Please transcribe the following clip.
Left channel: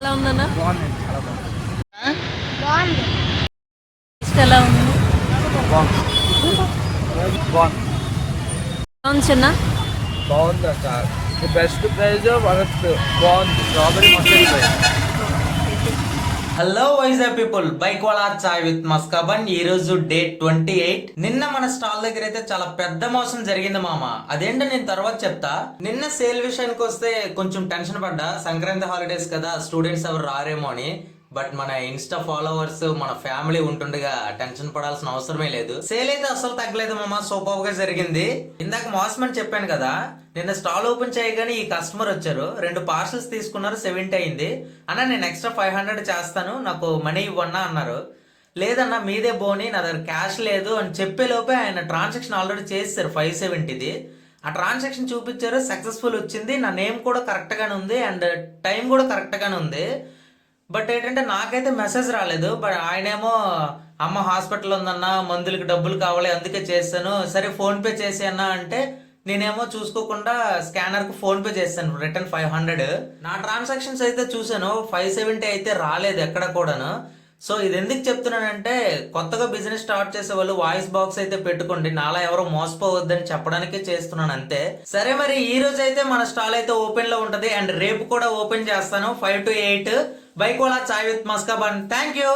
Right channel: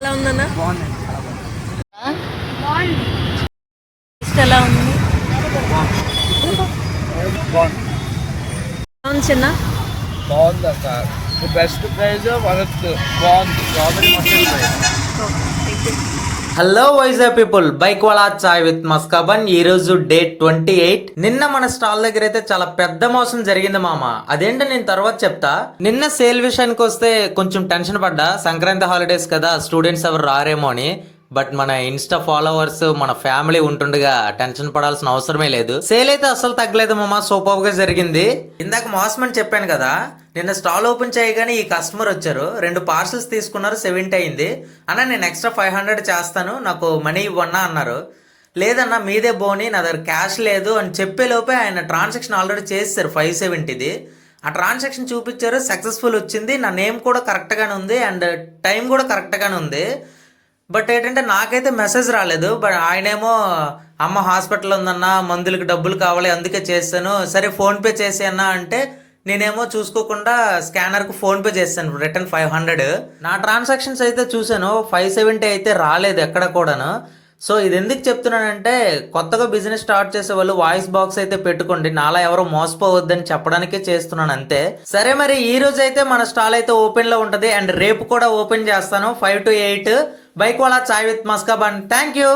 ఎలా ఉందన్న? బాగుంది. టేస్ట్ ఎలా ఉంది? బాగుంది. ఎలా ఉంది చిన్న? బాగుంది సార్. Best price worst. బాగుంది. Strawberry mustard price. Hello Vizag people, bike Wala chai with maska bun. ఈ రోజు డేట్ 28. నిన్న మన స్టాల్ దగ్గర అయితే చాలా పెద్ద మోసం జరిగింది మామ. అదేంటో నేను తర్వాత చెప్తా. నిన్న సేల్ విషయానికి వస్తే కొంచెం టెన్షన్ పడ్డా. సంక్రాంతి హాలిడేస్ కదా, స్టూడెంట్స్ ఎవరు రారేమో అని. బట్ మన ఇన్స్టా ఫాలోవర్స్, మన ఫ్యామిలీ ఉంటుండగా టెన్షన్ పడాల్సిన అవసరమే లేదు. సేల్ అయితే అసలు తగ్గలేదు మామ, సూపర్ గా జరిగింది. ఇందాక మోసం అని చెప్పాను కదా, నిన్న స్టాల్ ఓపెన్ చేయగానే ఈ కస్టమర్ వచ్చారు. 2 పార్సల్స్ తీసుకున్నారు, 70 అయింది. అన్న నేను ఎక్స్ట్రా 500 చేస్తాను, నాకు మనీ ఇవ్వన్నా అన్నారు. లేదన్నా మీదే బోని, నా దగ్గర క్యాష్ లేదు అని చెప్పే లోపే ఆయన ట్రాన్సాక్షన్ ఆల్రెడీ చేశారు 570ది. ఆ ట్రాన్సాక్షన్ చూపించారు, సక్సెస్ఫుల్ వచ్చింది. నా నేమ్ కూడా కరెక్ట్గానే ఉంది అండ్ టైం కూడా కరెక్ట్గానే ఉంది. బట్ ఏంటంటే నాకైతే మెసేజ్ రాలేదు. బట్ ఆయనేమో అమ్మ హాస్పిటల్ ఉందన్న, మందులకి డబ్బులు కావాలి అందుకే చేస్తాను, సరే ఫోన్పే చేసేయన్నా అంటే నేనేమో చూసుకోకుండా స్కానర్కి ఫోన్పే చేస్తాను, రిటర్న్ 500. నా ట్రాన్సాక్షన్స్ అయితే చూసాను, 570 అయితే రాలేదు ఎక్కడ కూడాను. సో ఇది ఎందుకు చెప్తున్నానంటే, కొత్తగా బిజినెస్ స్టార్ట్ చేసే వాళ్ళు వాయిస్ బాక్స్ అయితే పెట్టుకోండి, నాలా ఎవరో మోసపోవద్దని చెప్పడానికే చేస్తున్నాను అంతే. సరే మరి ఈ రోజు అయితే మన స్టాల్ అయితే ఓపెన్ లో ఉంటది అండ్ రేపు కూడా ఓపెన్ చేస్తాను 5 to 8. Bike Wala chai with maska bun. Thank you.